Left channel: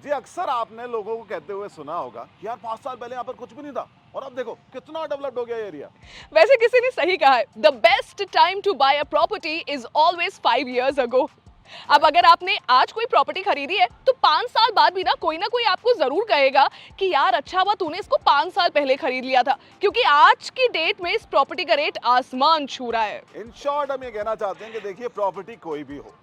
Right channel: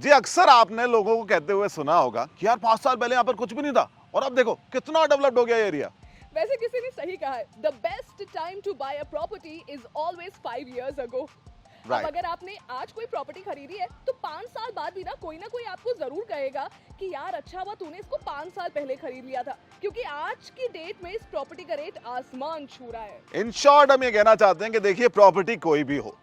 जी अक्सर आपने लोगों को कहते हुए सुना होगा कि यार 5 साल पहले यहाँ पर कुछ भी नहीं था और अब देखो कितना डेवलप्ड हो गया ये एरिया। वैसे किसी ने सही कहा है, the best time to buy a property is always 5 years ago। अब राइट। अगर आपने आज कोई प्रॉपर्टी खरीदी है तो 5 साल बाद भी ना कोई आपको जरूर कहेगा कि यार अच्छा हुआ तूने इसको 5 साल पहले खरीद लिया था, क्योंकि आज की डेट में इस प्रॉपर्टी का रेट आसमान छू रहा है। इन शॉर्ट हम ये कहना चाहते हैं कि देखिए प्रॉपर्टी कोई भी हो,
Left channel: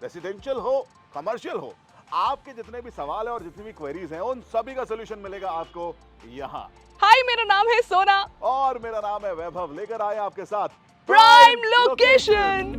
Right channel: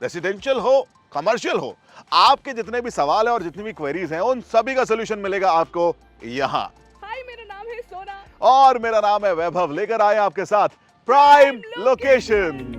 रेसिडेंशियल हो, कमर्शियल हो, आपके जितने भी सवाल है और जितनी भी क्वेरीज हैं उन सभी का सोल्यूशन मिलेगा आपको यहाँ। हाय, मेरा नाम है सोना। और मेरा नाम है वैभव, लेकर आए आपके साथ prime prime location.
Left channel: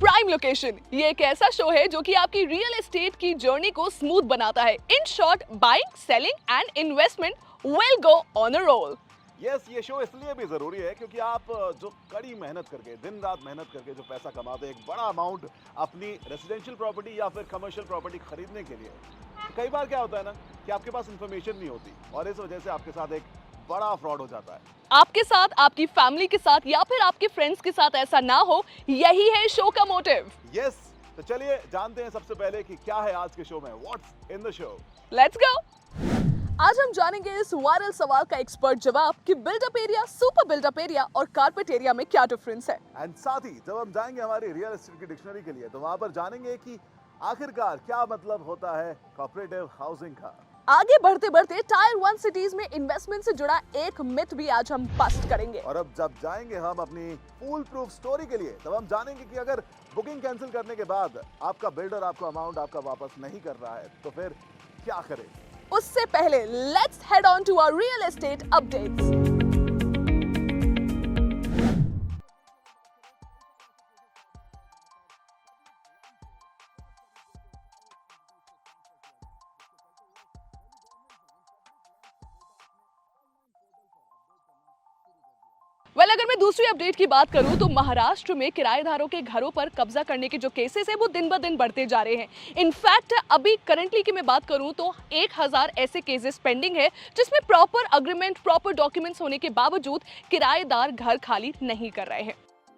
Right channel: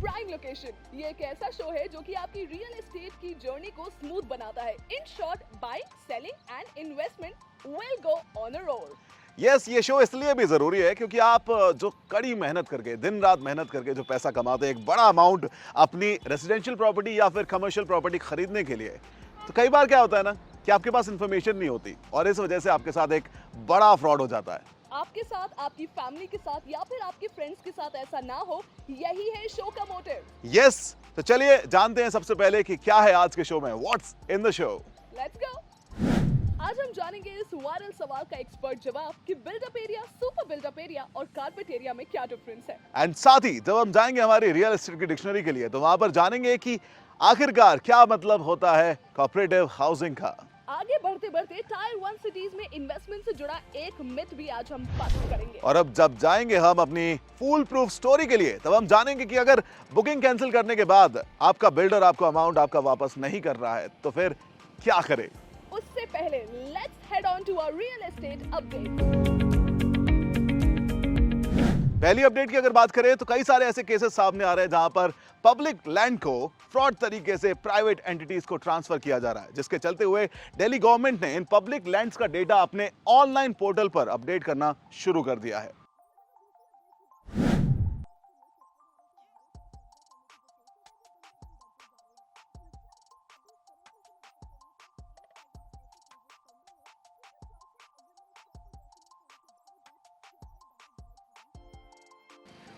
Prime location ये एक ऐसा शो है जो कि आपकी रियल एस्टेट की जर्नी को स्मूथ बनाता है। In short, buying, selling and investment will go on a roll. Yes, ये शो इसलिए भी जरूरी है क्योंकि आप जो कड़ी मेहनत करके, दिन रात मेहनत करके जो पैसा कमाते हैं, एक बड़ा अमाउंट अपनी रेसिडेंशियल प्रॉपर्टी या फिर कमर्शियल प्रॉपर्टी खरीदने के लिए, तो कई बार क्या होता है ना कि आपके पास इंफॉर्मेशन नहीं होती और इस वजह से आपके साथ एक बड़ा फ्रॉड हो जाता है। आपके साथ, आपकी फैमिली के साथ या फिर आपके फ्रेंड्स के साथ ऐसा ना हो, यही है शो का मोटिव। यस, तो चलिए जानते हैं सबसे पहले कि क्या है आज के शो में, what's in the show. Let's go. आज हम जानेंगे इस वायरल सवाल का एक्सपर्ट जवाब कि buildup area, super buildup area और कारपेट एरिया में क्या डिफरेंस है। एंड साथ ही जब हम जाएंगे हमारी रियल एस्टेट की डिक्शनरी के लिए तो वहां पर जानेंगे कि आखिरकार क्या मतलब होता है कोऑपरेटिव हाउसिंग का। आगे बढ़ते बढ़ते टायर 1 सिटीज में इन्वेस्टमेंट से जुड़ा एक मिथ भी आज हम बस्ट करेंगे। और अब जब जाएंगे हम अपनी फुल प्रूफ स्टोरी के लिए तब हम जानेंगे कि अगर बुकिंग कैंसिल करने के बाद आपका बिल्डर आपको अमाउंट आपका वापस नहीं कर रहा है तो फिर क्या करें। उससे पहले let's head on to our real estate updates. पहली अपडेट की अगर बात करें तो कई सारे ऐसे केसेस सामने आ रहे हैं जहां पर पब्लिक लैंड को फ्रॉड तरीके से प्राइवेट एंटिटीज को ट्रांसफर किया जा रहा है, जिसके चलते हुए दिल्ली गवर्नमेंट ने इन पब्लिक लैंड्स का डेटा अपने ऑनलाइन पोर्टल पर अपडेट करना शुरू कर दिया है। अगर मैं दूसरी अपडेट की बात करूं तो महाराष्ट्र में किराएदारों के घरों पर कब्जा करने के जो केसेस है वो दिन ब दिन बढ़ते जा रहे हैं। इनफैक्ट अभी करंटली की मैं बात करूं तो 1000 ऐसे केसेस पेंडिंग है जिसमें प्रॉपर अग्रीमेंट, प्रॉपर डॉक्यूमेंट्स होने के बावजूद किराएदार घर खाली नहीं कर रहे हैं।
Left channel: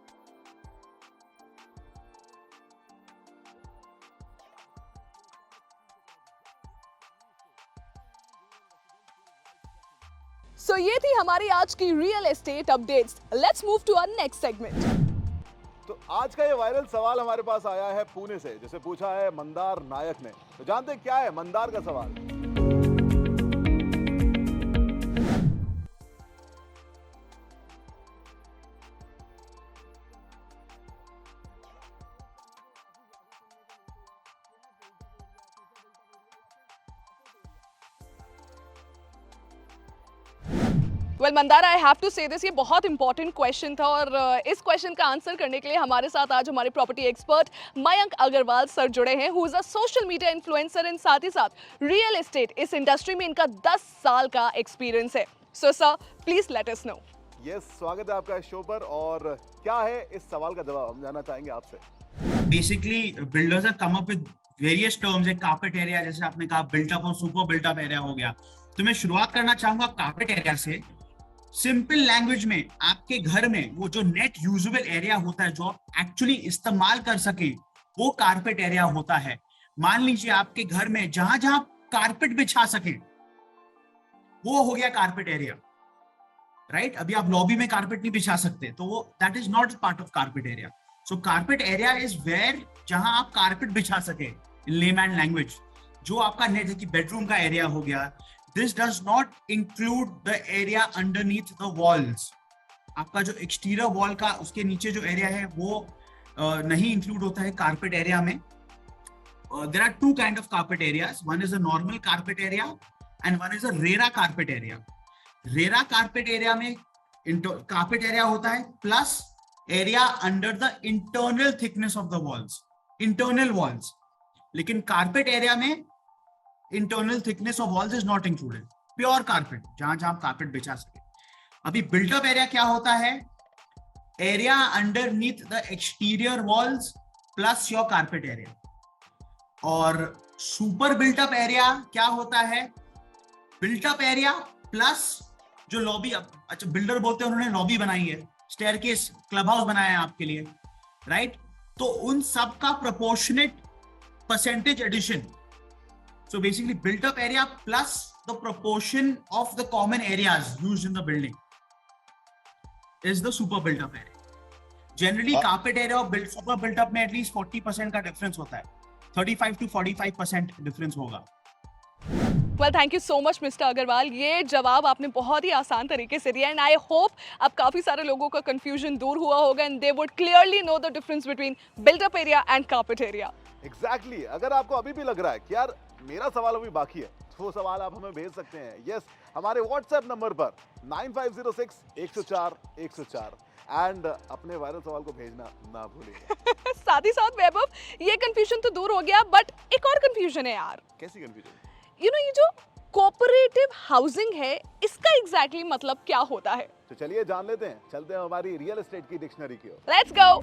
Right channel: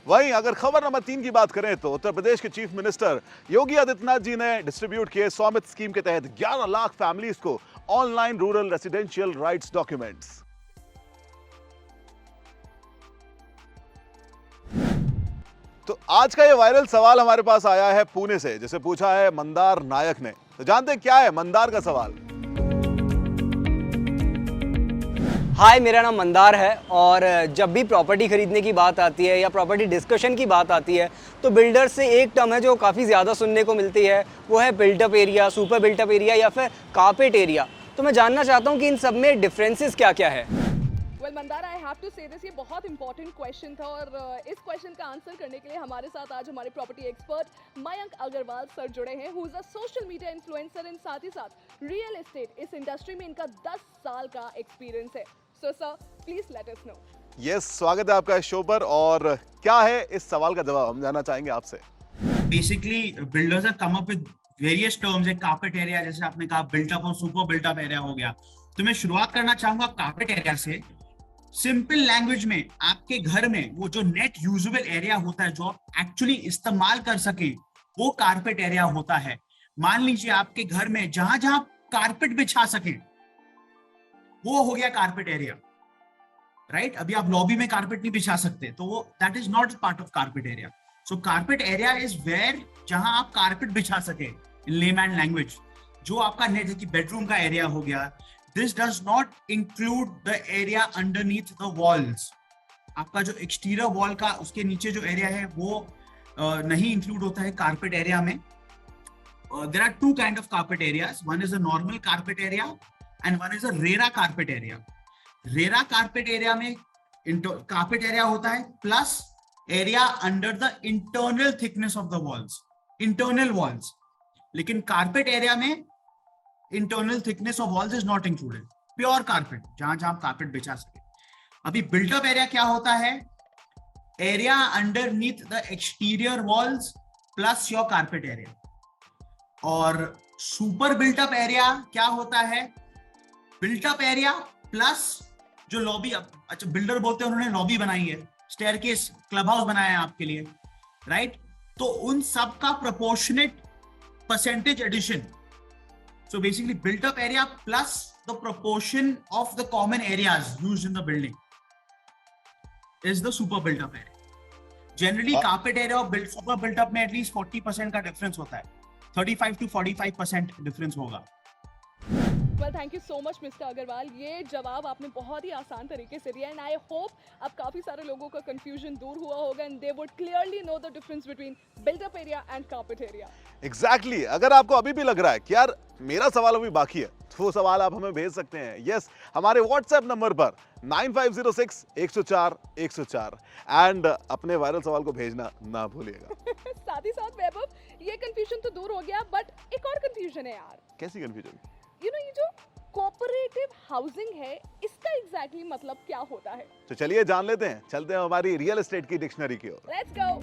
वहीं अगर खबर नंबर 3 की बात करें तो उत्तर प्रदेश के चीफ मिनिस्टर योगी आदित्यनाथ जी ने डिस्ट्रीब्यूट किए स्वामित्व स्कीम के तहत 11 लाख फैमिलीज को online rural residential rights documents. So ये थी हमारी आज की real estate updates. Let's move to our next segment. तो आज का ये वायरल सवाल हमारे पास आया है पुणे से, जिसे पूछा है मंदार नायक ने। तो जानते हैं क्या है मंदार का सवाल। हाय, मेरा नाम मंदार है और जब भी प्रॉपर्टी खरीदने की बात आती है या प्रॉपर्टी डिस्कशन की बात आती है तो बिल्डर से एक टर्म है जो काफ़ी ज़्यादा सुनने को मिलती है, वो है built up area, super built up area या फिर कारपेट एरिया। तो मैं जानना चाहता हूँ कि इन सब में डिफरेंसेस क्या क्या है। मंदार, आई हैव टू से दिस, ये बहुत इंपॉर्टेंट क्वेश्चन था और इस क्वेश्चन का आंसर करने के लिए हमारे साथ आज हमारे property expert Mayank Agarwal sir जुड़े हैं, who is a social media influencer and साथ ही साथ रियल एस्टेट इस इंडस्ट्री में इनका 10 साल का एक्सपीरियंस है। So sir, please let us know. Yes, स्वागत है आपका इस शो पर। और क्या है इस सवाल का जवाब, हम जानना चाहेंगे आपसे। Basically, builders have come up with various terms like carpet area, जैसे आपने कहा built up और super built up area हो गया। तो मैं शुरुआत करना चाहूंगा carpet area से। सिंपल लैंग्वेज में आपके घर में वो जो नेट यूजेबल एरिया होता है जो आप एक्चुअली इस्तेमाल कर सके वो कारपेट एरिया होता है। मान लीजिए आपके घर में जहां जहां कारपेट बिछा सके वो हो गया कारपेट एरिया, राइट। अभी आप लॉबी में कारपेट नहीं बिछा सकते तो वो that is not part of carpet area. So carpet area is where जहां आप कारपेट बिछा सके इन लेमैन लैंग्वेज, जो आपका नेट जैसे बेडरूम का एरिया हो गया। This does not include the area underneath the walls. आपका जो एक्सटीरियर वॉल का उसके नीचे जो एरिया है वो नहीं इंक्लूड होता है कारपेट एरिया में। There are two kind of carpet areas, one is a normal carpet area and one is a RERA carpet area. RERA carpet area में कारपेट एरिया होता है plus area under the internal thickness of the walls, internal walls. लेकिन carpet area में internal thickness of walls is not included, pure carpet जहां जहां carpet बिछा सके। अभी बिल्टअप एरिया क्या होता है, area underneath the exterior walls plus your carpet area. और सुपर बिल्टअप एरिया क्या होता है, बिल्टअप एरिया प्लस जो लॉबी, अच्छा बिल्डर बोलते हैं उन्होंने लॉबी बनाई है, स्टेयरकेस, क्लब हाउस बनाया है आपके लिए, राइट। तो उन सब का proportionate percentage addition. So basically built up area plus the proportion of the common areas used in the building is the super built up area. Generally carpet area और super built up में at least 40% का difference होता है, 35 to 45% difference होगा. Well thank you so much mister Agarwal, ये जवाब आपने बहुत ही आसान तरीके से दिया एंड आई होप अब काफ़ी सारे लोगों का कंफ्यूजन दूर हुआ होगा and they would clearly know the difference between built up area and carpet area. Exactly अगर आपको अभी भी लग रहा है कि यार मेरा सवाल अभी बाकी है तो वो सवाल आप हमें भेज सकते हैं यस हमारे व्हाट्सएप नंबर पर 9506-104-104 एंड अपने वायरल सवाल को भेजना ना भूलिएगा. साथ ही साथ वैभव ये कंफ्यूजन तो दूर हो गया बट एक और कंफ्यूजन है यार. कैसी कंफ्यूजन? यू नो ये जो कोऑपरेटिव हाउसिंग है इसका एग्जैक्टली मतलब क्या होता है? तो चलिए जान लेते हैं, चलते हैं हमारी रियल एस्टेट की डिक्शनरी की ओर. Let's go.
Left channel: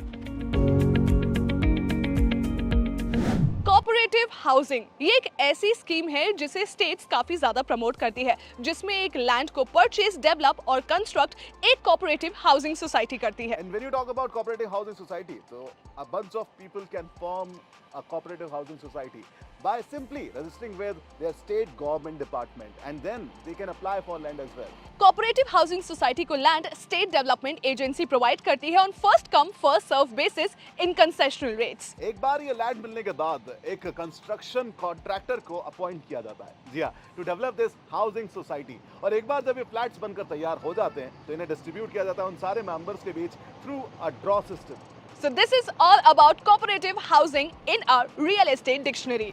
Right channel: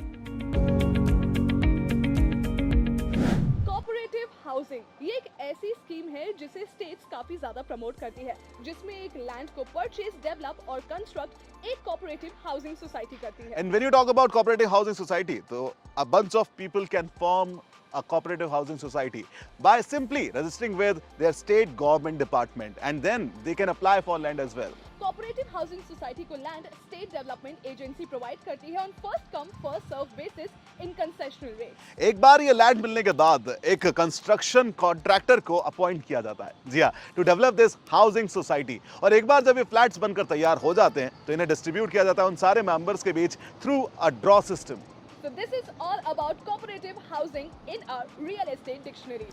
कोऑपरेटिव हाउसिंग ये एक ऐसी स्कीम है जिसे स्टेट्स काफी ज्यादा प्रमोट करती है, जिसमें एक लैंड को परचेज, डेवलप और कंस्ट्रक्ट एक कोऑपरेटिव हाउसिंग सोसाइटी करती है. And when you talk about cooperative housing society, so a bunch of people can form a cooperative housing society by simply registering with their state government department and then they can apply for land as well. Cooperative housing society को land state development agency provide करती है on first come first serve basis in concessional rates. एक बार ये land मिलने के बाद एक कंस्ट्रक्शन कॉन्ट्रैक्टर को अपॉइंट किया जाता है, जी हाँ, to develop this housing society. और एक बार जब ये फ्लैट्स बनकर तैयार हो जाते हैं तो इन्हें डिस्ट्रीब्यूट किया जाता है उन सारे मेंबर्स के बीच through a draw system. So this is all about cooperative housing in our real estate dictionary.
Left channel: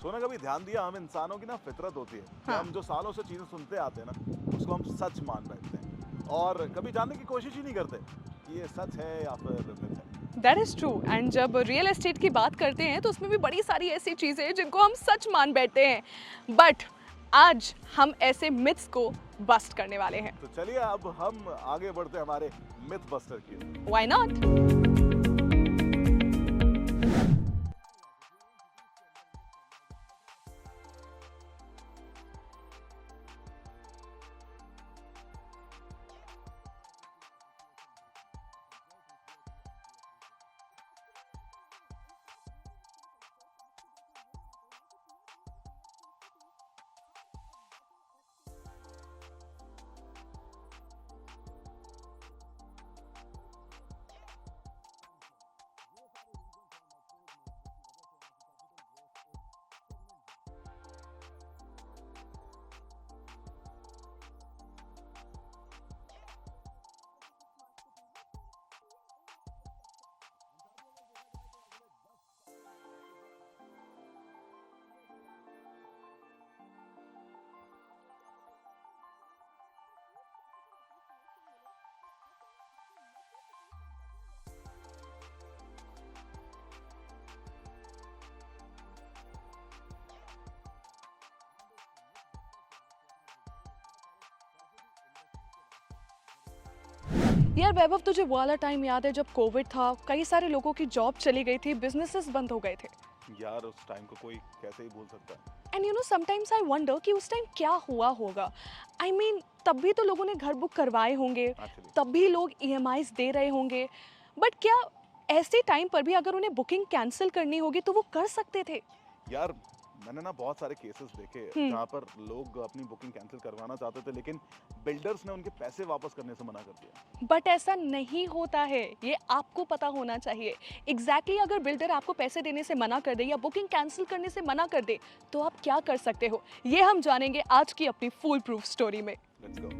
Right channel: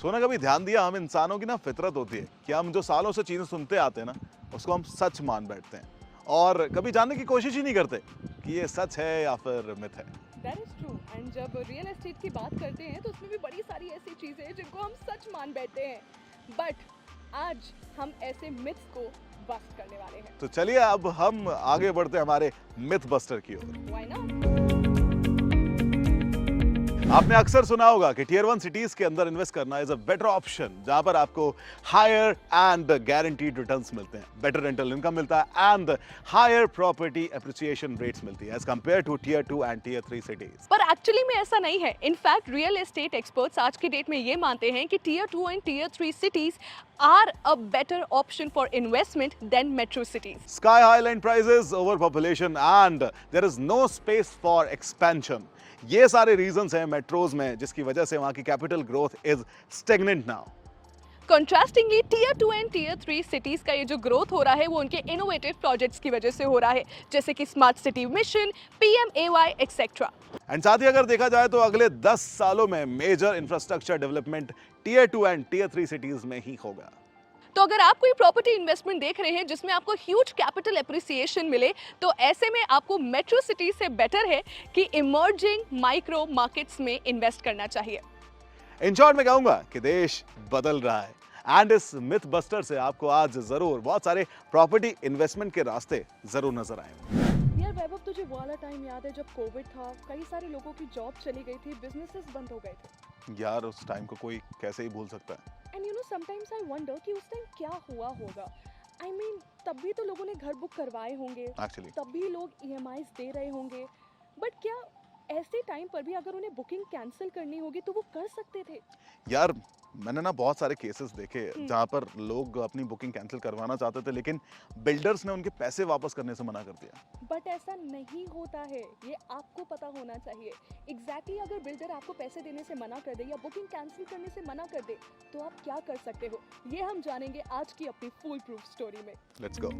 सोना कभी ध्यान दिया हम इंसानों की ना फितरत होती है कि हम जो सालों से चीजें सुनते आते हैं ना उसको हम सच मान बैठते हैं और कभी जानने की कोशिश ही नहीं करते कि ये सच है या फिर मिथ है. That is true. And जब रियल एस्टेट की बात करते हैं तो उसमें भी बड़ी सारी ऐसी चीजें हैं जिनको हम सच मान बैठते हैं. बट आज हम ऐसे मिथ्स को बस्ट करने वाले हैं. तो चलिए अब हम आगे बढ़ते हैं हमारे मिथ बस्टर की ओर. Why not? आपने अक्सर सुना होगा कि टियर 1 सिटीज के अंदर इन्वेस्ट करना इज अ बेटर ऑप्शन, जहां पर आपको हायर एंड गारंटीड रिटर्न्स मिलते हैं, बेटर रेंटल इनकम मिलता है and higher property appreciation rates मिलती है as compare to tier 2 and tier 3 cities. पर एक्चुअली में ऐसा नहीं है. इनफैक्ट रियल एस्टेट एक्सपर्ट्स आज की डेट में ये मानते हैं कि tier 2 and tier 3 cities are a better option for investment than metro cities. Sky high land prices, overpopulation and there is no space for expansion. ये सारे रीजंस हैं मेट्रोज में जिसकी वजह से वहां की capital growth is stagnant now. Contrastingly tier 2 and tier 3 cities का ये जो ग्रोथ हो रहा है वो उनके इनोवेटिव प्रोजेक्ट्स की वजह से हो रहा है, जैसे कि smart city mission, PMAY etcetera. And साथ ही अगर देखा जाए तो अगले 10 सालों में major infrastructure development tier 2 and tier 3 cities में ही होगा. तो अगर आप कोई प्रॉपर्टी इन्वेस्टमेंट देख रहे हैं जिसमें आपको ह्यूज कैपिटल एप्रिसिएशन मिले तो ऐसे में आपको मेट्रो सिटी से बेटर है कि इमर्जिंग माइक्रो मार्केट्स में इन्वेस्ट करना चाहिए. इन शॉर्ट मैं कहूंगा कि देश बदल रहा है एंड इस मिथ बस्टर से आपको आज जरूर बहुत सारे प्रॉपर्टी इन्वेस्टमेंट के रास्ते जरूर नजर आए. यार वैभव, तुझे वो वाला टाइम याद है जब कोविड था, कई सारे लोगों की जॉब चली गई थी, बिजनेसेस बंद हो गए थे. यार उस टाइम को कोई कैसे ही भूल सकता है. And you know sometimes I wonder कि उस टाइम क्या हुआ होगा. आई मीन तब भी तो लोगों ने घर बुक करवाए होंगे, Actually. तब भी लोग EMIs दे रहे होंगे, बट क्या ऐसे टाइम पर भी अगर उन्हें बुकिंग कैंसिल करनी होगी तो वो कर सकते थे? यार मैंने ना बहुत सारे केसेस देखे जहाँ पर लोग अपनी बुकिंग कैंसिल करवाना चाहते थे लेकिन बिल्डर्स ने उनके पैसे वापस करने से मना कर दिया. बट ऐसा नहीं होता है, ये आपको पता होना चाहिए. एग्जैक्टली अगर बिल्डर आपको पैसे देने से मना कर दे या बुकिंग कैंसिल करने से मना कर दे तो आप क्या कर सकते हो, ये हम जानेंगे आज की अपनी फुल प्रूफ स्टोरी में. Let's go.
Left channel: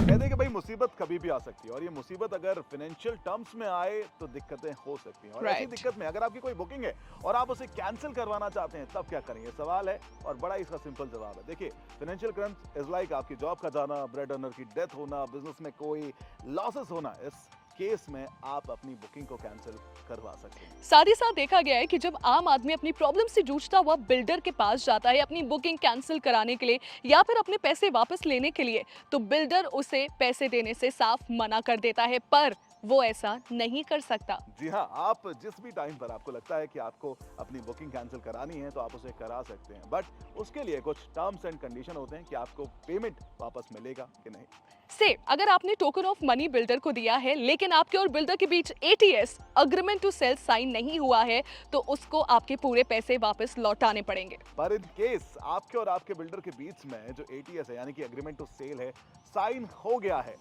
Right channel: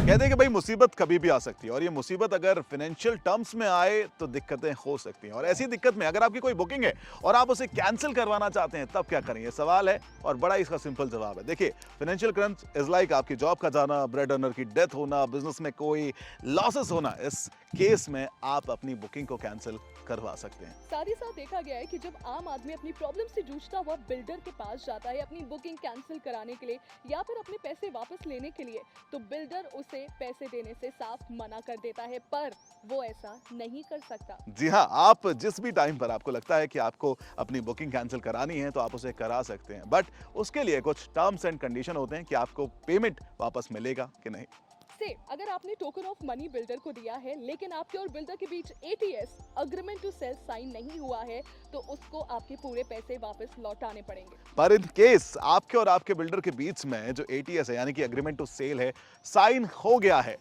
कहते हैं कि भाई मुसीबत कभी भी आ सकती है और ये मुसीबत अगर फाइनेंशियल टर्म्स में आए तो दिक्कतें हो सकती हैं और ऐसी Right. दिक्कत में अगर आपकी कोई बुकिंग है और आप उसे कैंसिल करवाना चाहते हैं तब क्या करें, ये सवाल है और बड़ा इसका सिंपल जवाब है. देखिए फाइनेंशियल क्रंच इज लाइक आपकी जॉब का जाना, ब्रेड अर्नर की डेथ होना, बिजनेस में कोई लॉसेस होना. इस केस में आप अपनी बुकिंग को कैंसिल करवा सकते हैं. साथ ही साथ देखा गया है कि जब आम आदमी अपनी प्रॉब्लम से जूझता हुआ बिल्डर के पास जाता है अपनी बुकिंग कैंसिल कराने के लिए या फिर अपने पैसे वापस लेने के लिए तो बिल्डर उसे पैसे देने से साफ मना कर देता है, पर वो ऐसा नहीं कर सकता. जी हाँ, आप जिस भी टाइम पर आपको लगता है कि आपको अपनी बुकिंग कैंसिल करानी है तो आप उसे करा सकते हैं, बट उसके लिए कुछ टर्म्स एंड कंडीशन होते हैं कि आपको पेमेंट वापस मिलेगा कि नहीं. से अगर आपने टोकन ऑफ मनी बिल्डर को दिया है लेकिन आपके और बिल्डर के बीच ATS agreement to sell sign नहीं हुआ है तो उसको आपके पूरे पैसे वापस लौटाने पड़ेंगे। पर इन केस आपके और आपके बिल्डर के बीच में जो ATS है यानी कि एग्रीमेंट टू सेल है साइन हो गया है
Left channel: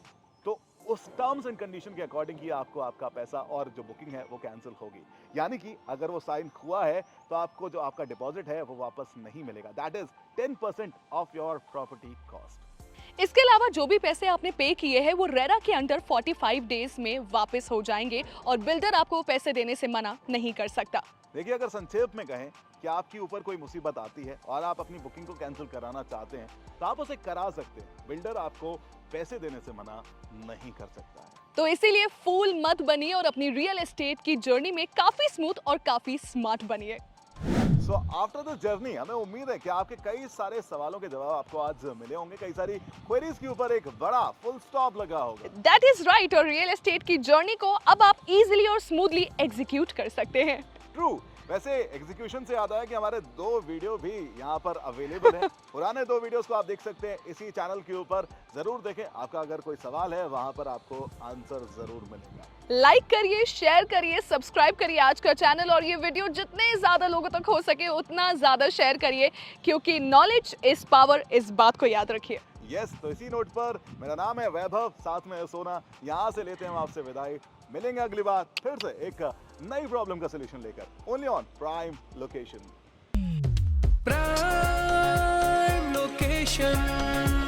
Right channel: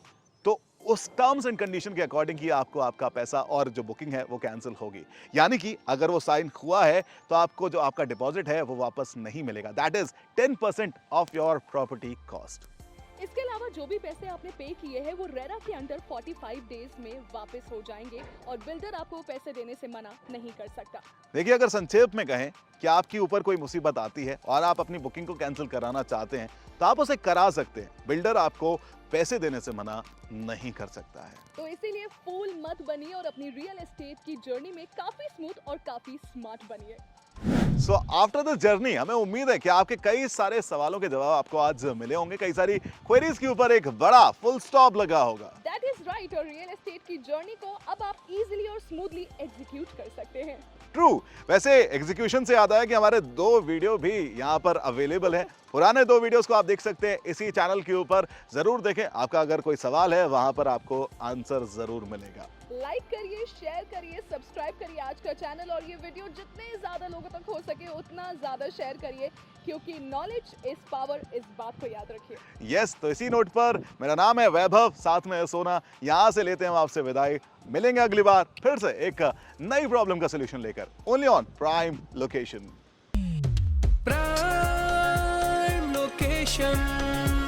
तो उस टर्म्स एंड कंडीशन के अकॉर्डिंग ही आपको आपका पैसा और जो बुकिंग है वो कैंसिल होगी। यानी कि अगर वो साइन हुआ है तो आपको जो आपका डिपॉजिट है वो वापस नहीं मिलेगा। That is 10% of your property cost. इसके अलावा जो भी पैसे आपने पे किए हैं वो रेरा के अंडर 45 डेज में वापस हो जाएंगे और बिल्डर आपको पैसे देने से मना नहीं कर सकता। देखिए, अगर संक्षेप में कहें कि आपके ऊपर कोई मुसीबत आती है और आप अपनी बुकिंग को कैंसिल कराना चाहते हैं तो आप उसे करा सकते हैं। बिल्डर आपको पैसे देने से मना नहीं कर सकता है। तो इसीलिए फूल मत बनिए और अपनी रियल एस्टेट की जर्नी में काफी स्मूथ और काफी स्मार्ट बनिए। सो आफ्टर द जर्नी हमें उम्मीद है कि आपके कई सारे सवालों के जवाब आपको आज मिले होंगे। कई सारी क्वेरीज के ऊपर एक बड़ा फुल स्टॉप लगा होगा। That is right. और रियल एस्टेट की जर्नी को अब आप इजीली और स्मूथली एग्जीक्यूट कर सकते हैं। ट्रू। वैसे एग्जीक्यूशन से याद आया कि हमारे 2 वीडियो भी यहाँ पर अवेलेबल है। पुराने 2 वीडियोस को आप देख सकते हैं इसी चैनल के ऊपर। जरूर देखें, आपका अगर कोई सवाल है वहां पर आपको आंसर जरूर मिलेगा। लाइक करिए, शेयर करिए, सब्सक्राइब करिए आज का चैनल और ये वीडियो जितने ज्यादा लोगों तक हो सके उतना ज्यादा शेयर करिए क्योंकि नॉलेज इज पावर, इस बात को याद रखिए। यस, तो इसी नोट पर मेरा नाम है वैभव, साथ में है सोना। यहाँ से लेते हैं हम आपसे विदाई। मिलेंगे अगली बार फिर से एक नई प्रॉब्लम का सलूशन लेकर, only on prime location. Prime location.